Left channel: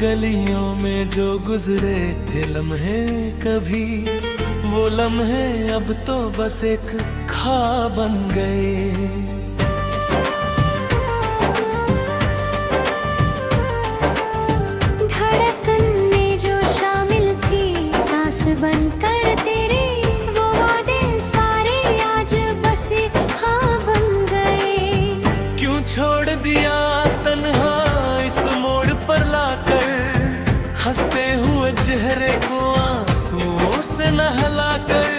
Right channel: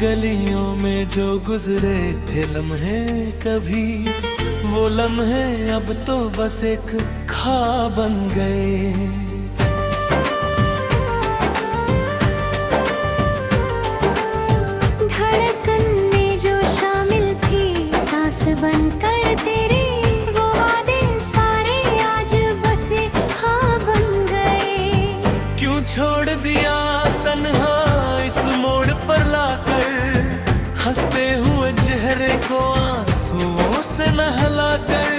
गलियों में जो गुजरे थे लम्हे कभी, वो लम्हे अब तो बस एक ख्वाब बन गए। धड़कन में जो शामिल थी सांस बनकर तेरी, वो वादे सारे आज बस एक ख्वाब बन गए। क्यों छोड़ दिया तन्हा इस मोड़ पर लाकर, हंसते हुए चेहरे को आंसुओं से नहलाकर।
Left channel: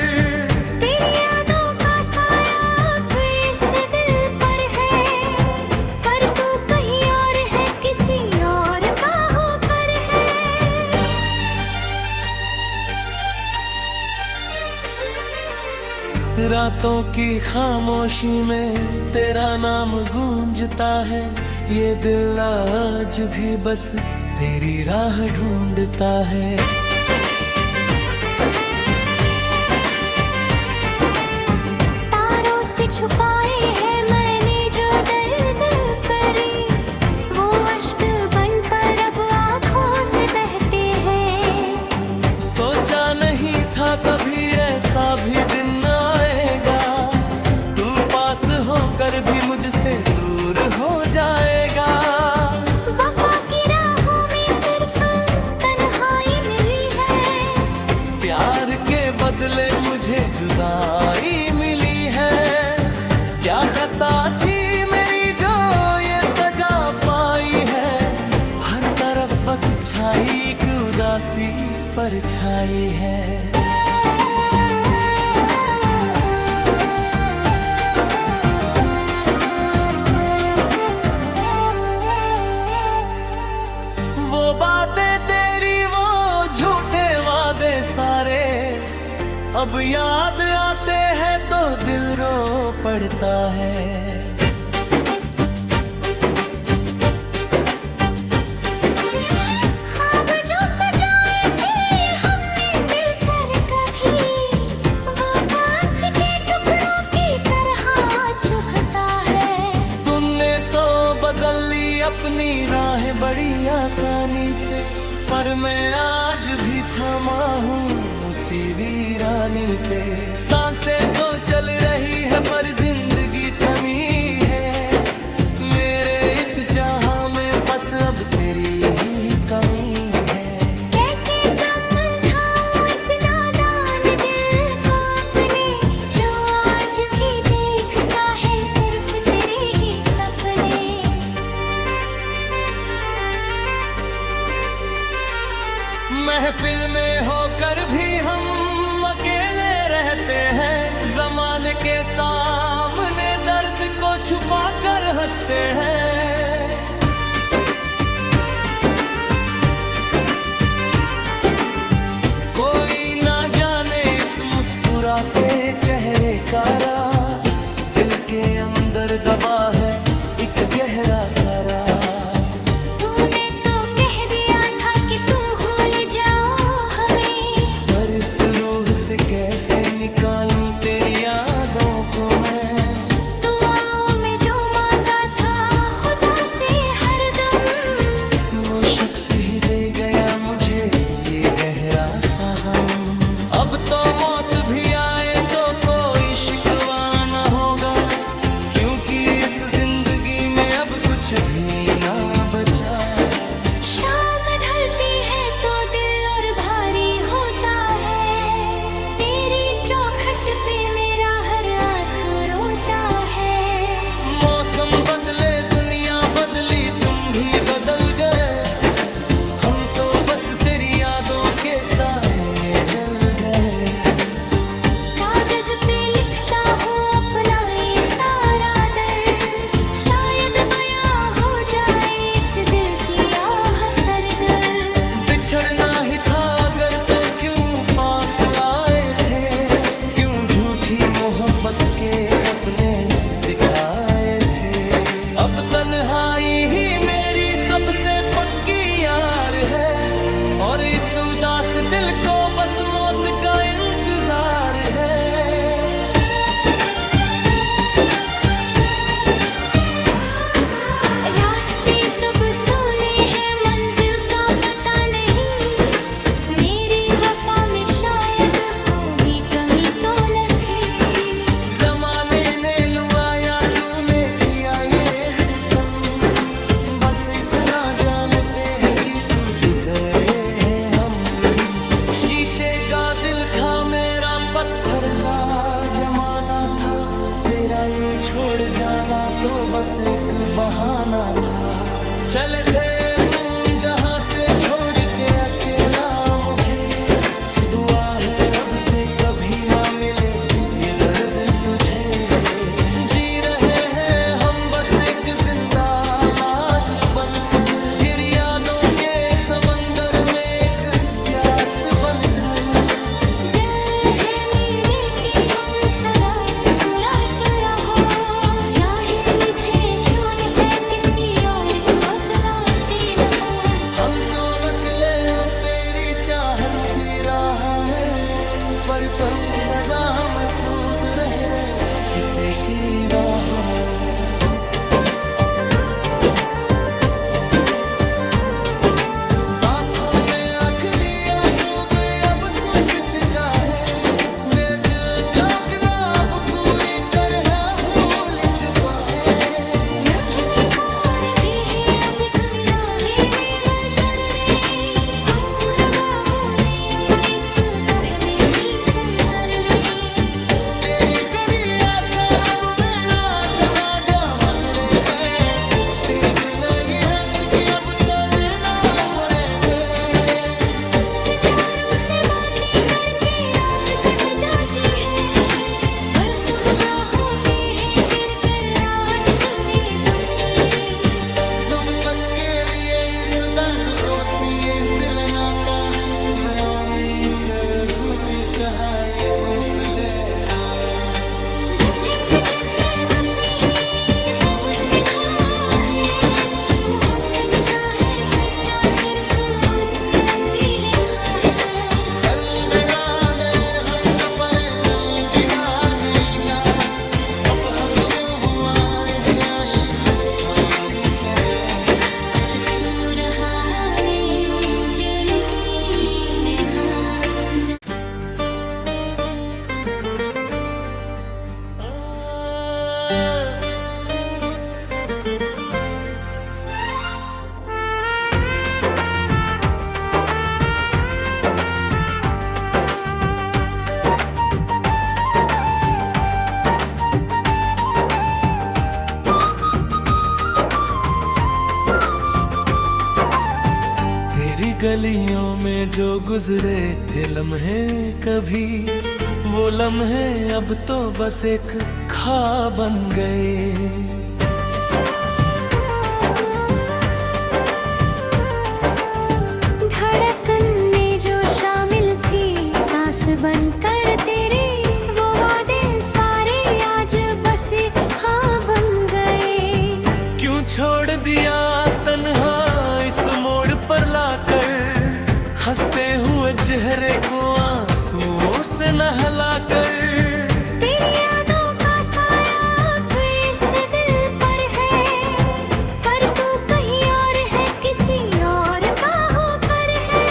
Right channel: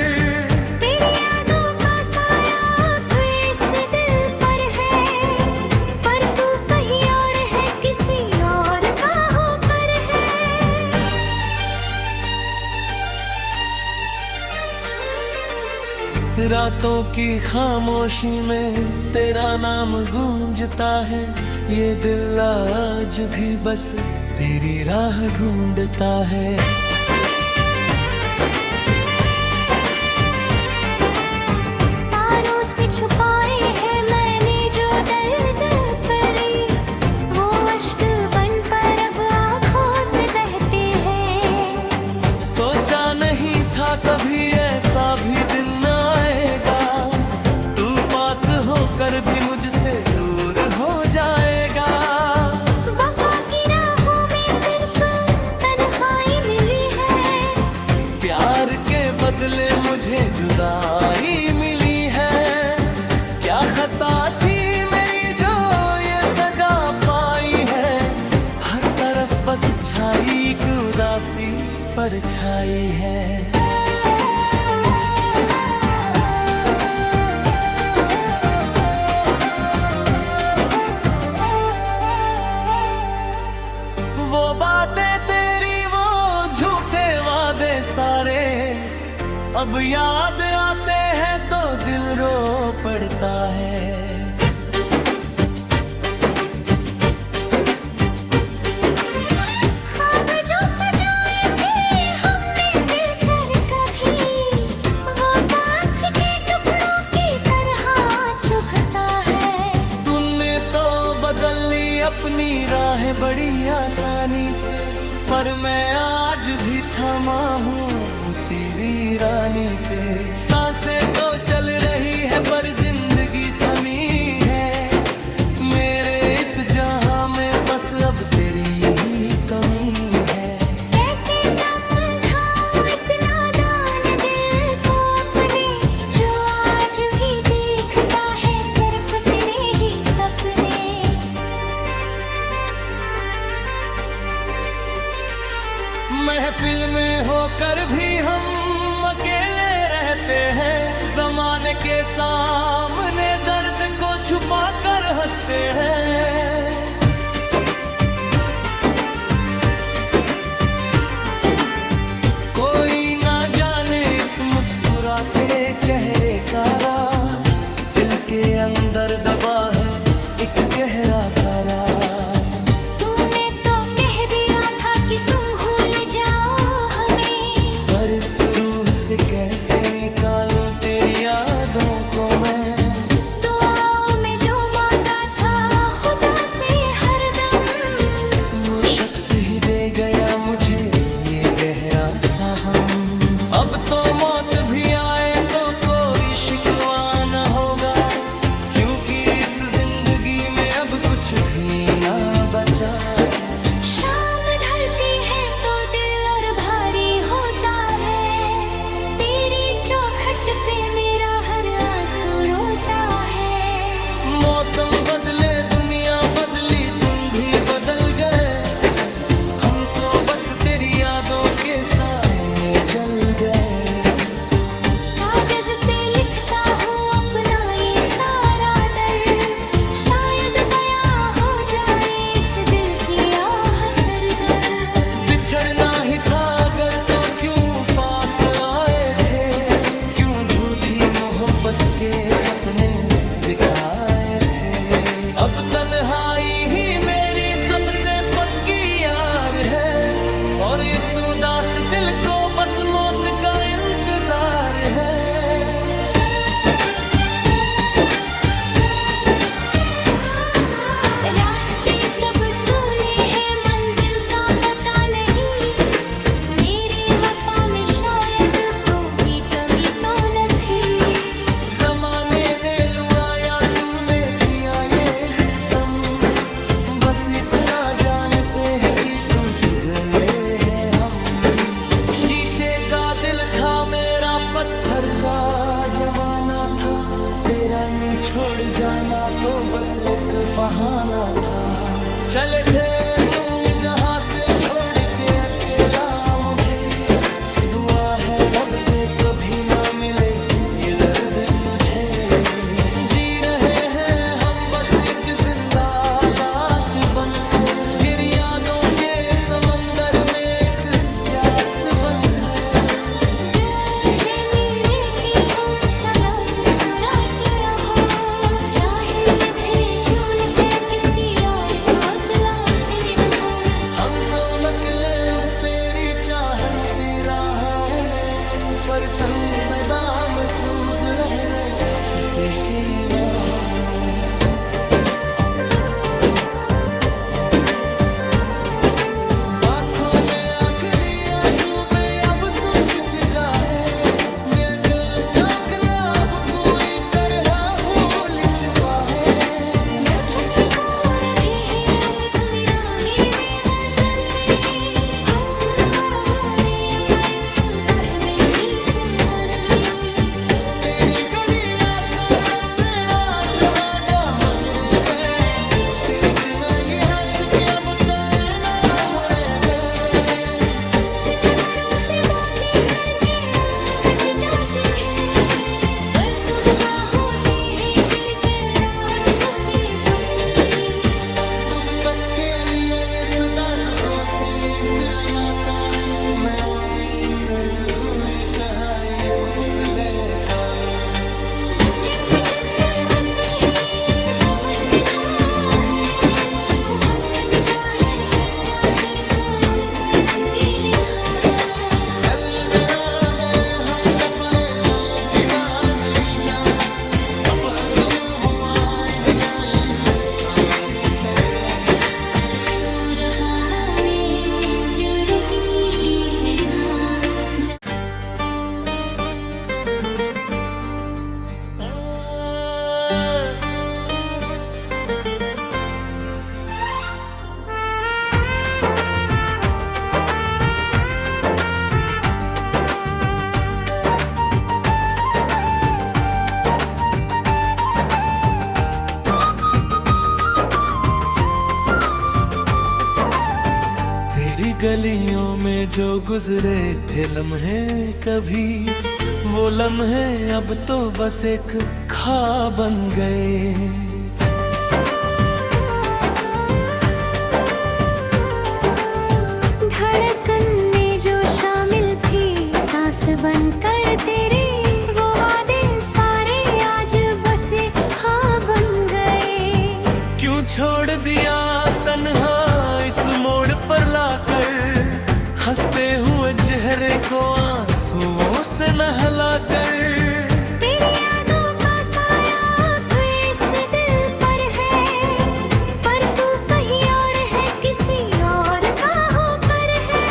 तेरी यादों का साया तो इस दिल पर है, पर तू कहीं और है, किसी और का होकर है। रातों की खामोशी में तेरा नाम गूंजता है, ये दिल आज भी बस तेरी राह ढूंढता है। तारों से छुपाए हैं मैंने जो दर्द परी, वो अश्क बनकर अब आँखों से बहते हैं। सोचा नहीं था कभी ऐसा भी दिन आएगा, तू पास होकर भी मुझसे दूर हो जाएगा। वफा की राहों में सिर्फ तन्हाई मिली है, प्यार के बदले मुझे जुदाई मिली है। क्या खता थी मेरी जो ये सजा पाई है, हर तरफ बस छाई एक उदासी परछाई है। वो बातें तेरी, वो झूठे वादे सारे, अब याद आते हैं तो दिल रो पड़ता है। ख्वाब जो सजाए थे हमने मिलकर कभी, वो कांच के टुकड़ों की तरह चुभता है। तूने तो बदल ली अपनी राहें बड़ी आसानी से, पर मैं आज भी थमा हूँ उसी वीरानी पे। सांसें तो चल रही है पर जिंदगी थमी है, मेरे इस जहां में बस अब तेरी ही कमी है। कैसे समझाऊं इस नादान दिल को अपने, जो आज भी देखता है सिर्फ तेरे ही सपने। महफिल में होकर भी हम अकेले रहते हैं, जमाने के सामने दर्द को छुपा कर हंसते हैं। कोई ना जाने इस मुस्कुराते चेहरे का राज, दिल के अंदर दबा है एक गहरा सा राज। तूने तो कह दिया था कि तुम भूल जाओ हमें, पर इस रूह से कैसे निकालूं तेरी यादों को मैं। दुआओं में जो मांगा था खुदा से हरदम, वो शख्स ही दे गया मुझे ये गहरा सा गम। अब तो मौत भी आए तो कोई शिकवा न होगा, क्योंकि इस जिंदगी में अब कुछ भी ना बचा। शाम ढलती है तो दिल और भारी होता है, तेरी चौखट पे मेरा हर आंसू रोता है। मौसम बदले दुनिया बदली तुम भी बदल गए, हम तो बस तेरी यादों के साए में जल गए। कागज पे लिखता हूँ अपना ये सारा दर्द, शायद बयां हो जाए इस दिल की आह सरदर्द। बिछड़ना ही था अगर तो क्यों पास आए थे, क्यों झूठी मोहब्बत के सपने दिखाए थे। अब तन्हाई ही मेरी सबसे पक्की यार है, और इस उदास दिल को बस मौत का इंतजार है। रास्ते सब सूने हैं, मंजिल का पता शीशे का दिल था मेरा, पत्थर का जमाना था। तेरा यूं छोड़ जाना तो बस एक बहाना था। चले थे तुम जहां से छोड़ के अकेला मुझे, दुआ है रब से कभी ना मिले ये दर्द तुझे। जी रहे हैं हम बस एक जिंदा लाश बनकर, गिर यादों के समंदर में एक प्यास बनकर। चाहती रहा है पर तन सदा महफूज रहे किसी की बाहों। आँखों में आखिरी आंसू पे अब सूख चुका है, मैं दिल का क्लब पूरी तरह भूल चुका है। के लिए इस दर्द को सिरे से लगाता, मैं आमी से घूरी कहाई कुछ लेका। गलियों में जो गुजरे थे लम्हे कभी, वो लम्हे अब तो बस एक ख्वाब बन गए। धड़कन में जो शामिल थी सांस बनकर तेरी, वो वादे सारे आज बस हाँ बन गए। क्यों छोड़ दिया तन्हा इस मोड़ पर लाकर, हंसते हुए चेहरे को आंसुओं से नहलाकर। तेरी यादों का साया इस दिल पर है, पर तू कहीं और है किसी और का होकर है।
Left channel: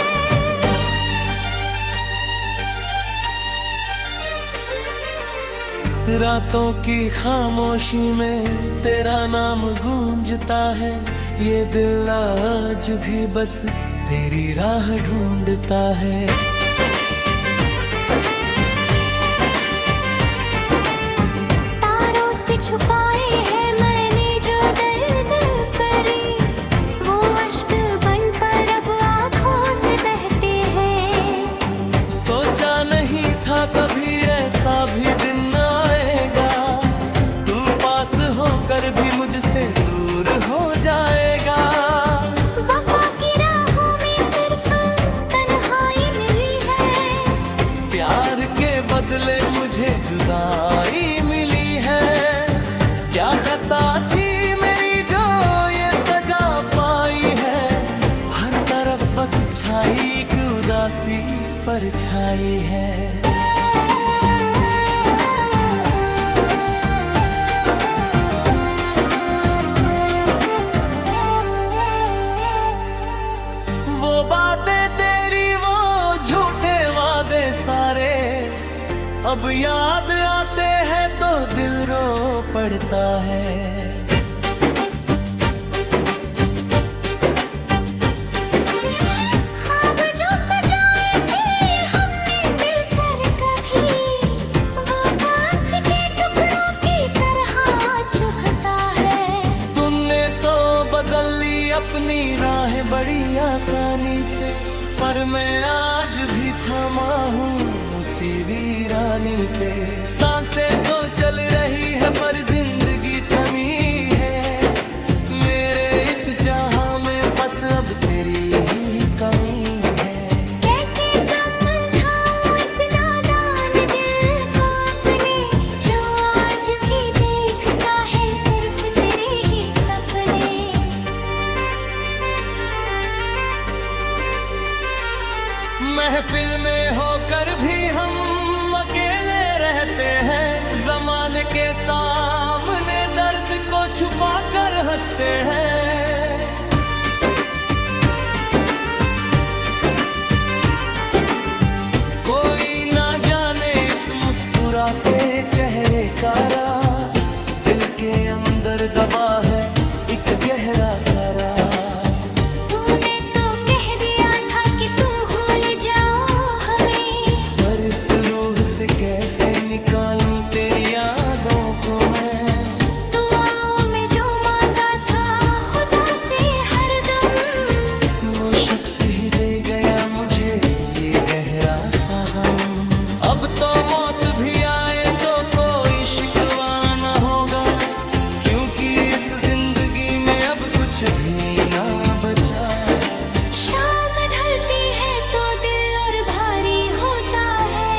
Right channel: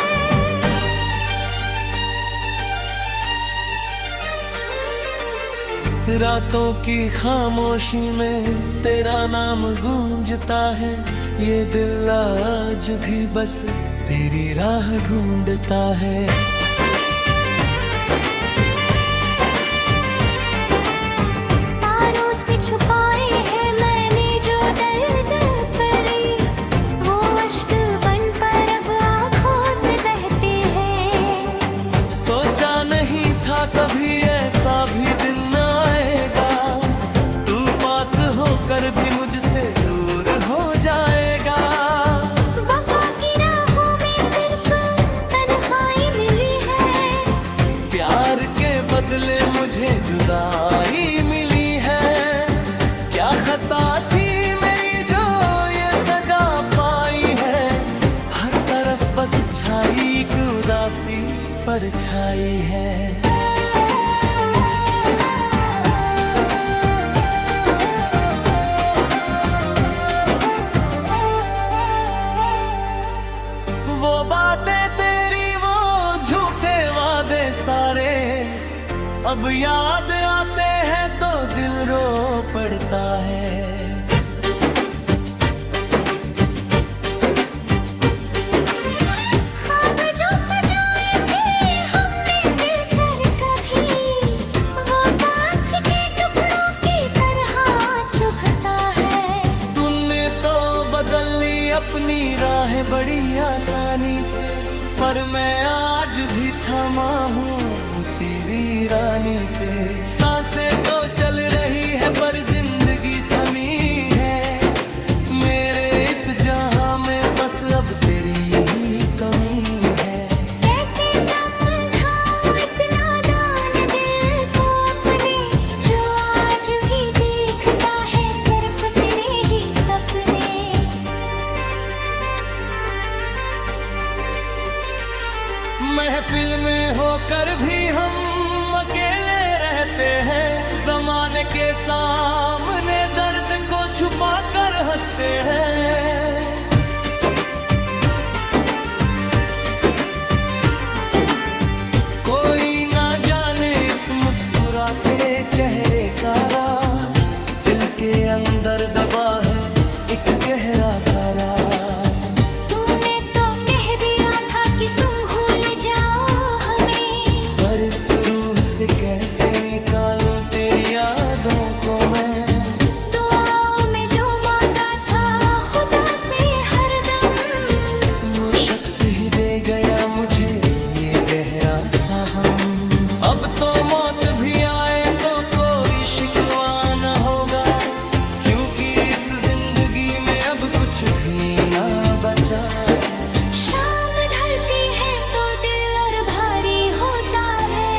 रातों की खामोशी में तेरा नाम गूंजता है, ये दिल आज भी बस तेरी राह ढूंढता है। तारों से छुपाए हैं मैंने जो दर्द करे, वो अश्क बनकर अब आँखों से बहते हैं। सोचा नहीं था कभी ऐसा भी दिन आएगा, तू पास होकर भी मुझसे दूर हो जाएगा। वफा की राहों में सिर्फ तन्हाई मिली है, प्यार के बदले मुझे जुदाई मिली है। क्या खता थी मेरी जो ये सजा पाई है, हर तरफ बस छाई एक उदासी परछाई है। वो बातें तेरी, वो झूठे वादे सारे, अब याद आते हैं तो दिल रो पड़ता है। ख्वाब जो सजाए थे हमने अपनी राहें बड़ी आसानी से, पर मैं आज भी थमा हूँ उसी वीरानी पे। सांसें तो चल रही है पर जिंदगी थमी है, मेरे इस जहां में बस अब तेरी ही कमी है। कैसे समझाऊं इस नादान दिल को अपने, जो आज भी देखता है सिर्फ तेरे ही सपने। महफिल में होकर भी हम अकेले रहते हैं, जमाने के सामने दर्द को छुपा कर हंसते हैं। कोई ना जाने इस मुस्कुराते चेहरे का राज, दिल के अंदर दबा है एक गहरा सा राज। तूने तो कह दिया था कि तुम भूल जाओ हमें, पर इस रूह से कैसे निकालूं तेरी यादों को मैं। दुआओं में जो मांगा था खुदा से हरदम, वो शख्स ही दे गया मुझे ये गहरा सा गम। अब तो मौत भी आए तो कोई शिकवा न होगा, क्योंकि इस जिंदगी में अब कुछ भी ना बचा। शाम ढलती है तो दिल और भारी होता है,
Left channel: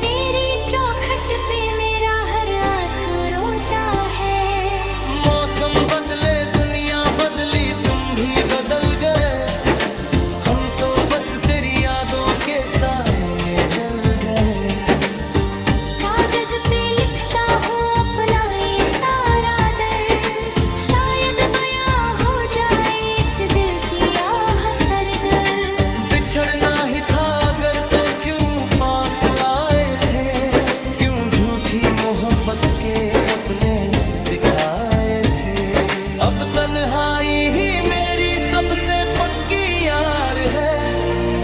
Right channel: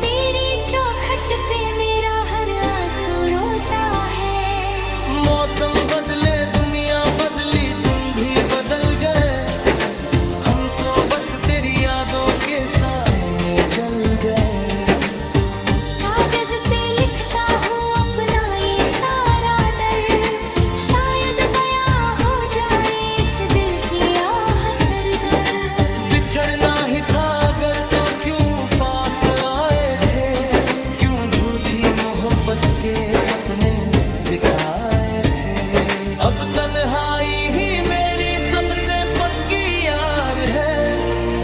तेरी चौखट पे मेरा हर आंसू रोता है। मौसम बदले दुनिया बदली तुम भी बदल गए, हम तो बस तेरी यादों के साए में जल गए। कागज पे लिखता हूँ अपना ये सारा दर्द, शायद बयां हो जाए इस दिल की आह सर्द। बिछड़ना ही था अगर तो क्यों पास आए थे, क्यों झूठी मोहब्बत के सपने दिखाए थे। अब तन्हाई ही मेरी सबसे पक्की यार है,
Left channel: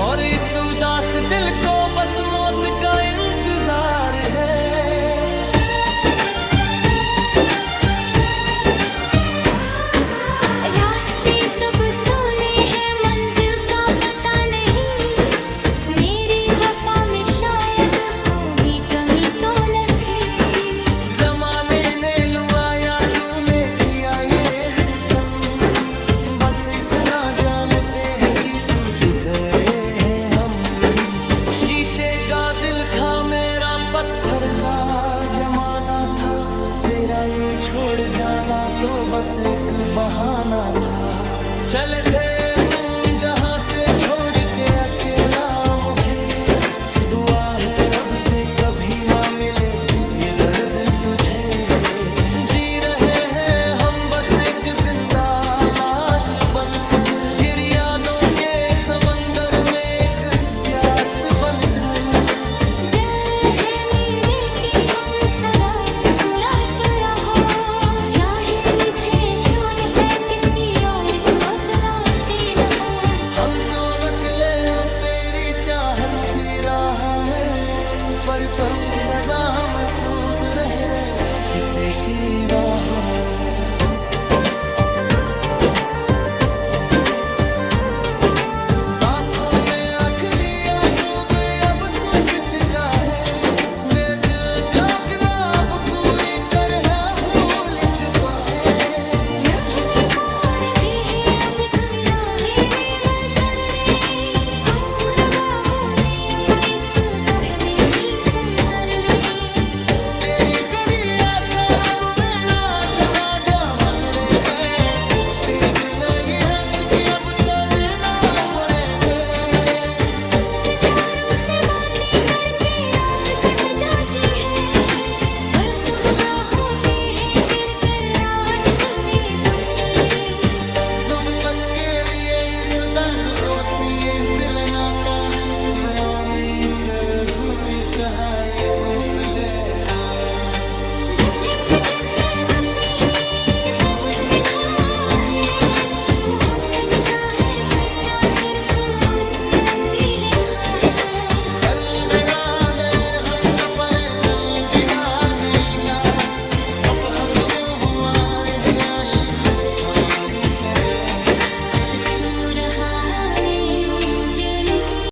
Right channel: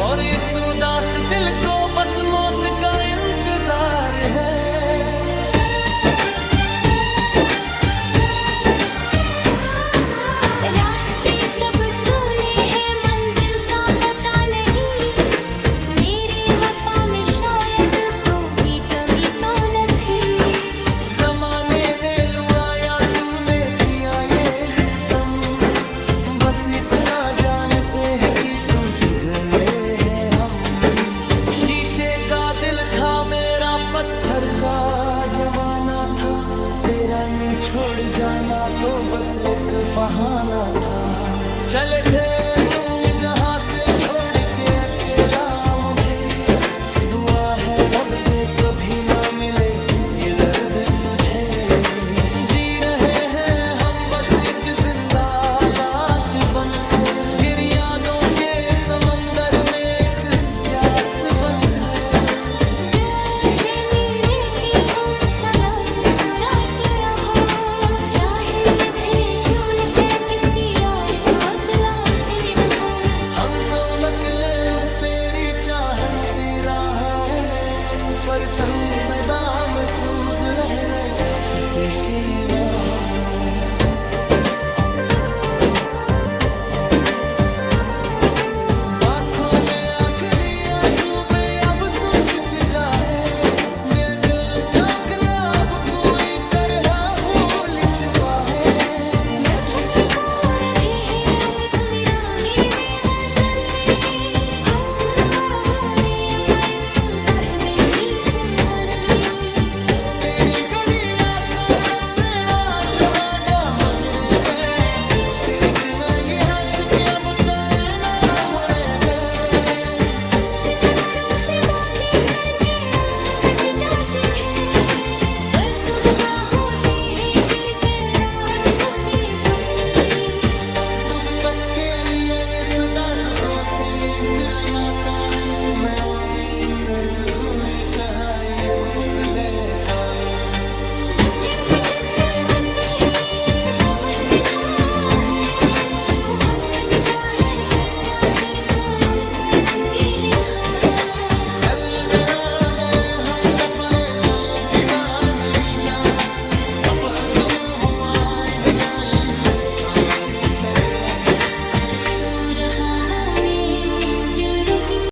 और इस उदास दिल को बस मौत का इंतजार है। रास्ते सब सुने हैं मंजिल का पता नहीं, मेरी वफा में शायद कोई कमी तो न थी। जमाने ने लुआया तूने किया ये सितम, बस इतना जानते हैं कि टूट गए हैं हम। शीशे का दिल था मेरा पत्थर का जमाना था, तेरा यूं छोड़ जाना तो बस एक बहाना था। चले थे तुम जहां से छोड़ के अकेला मुझे, दुआ है रब से कभी ना मिले ये दर्द तुझे। जी रहे हैं हम बस एक जिंदा लाश बनकर, गिर यादों के समंदर में एक प्यास बनकर। चाहती रहा है पर तन सदा महफूज रह रहे किसी की बाहों। आँखों में आखिरी आंसू पे अब सूख चुका है, मैं दिल का ख्वाब पूरी तरह भूल चुका है। को सिरे से लगाता मैं आमी से घूरी कहाई कुछ लेका।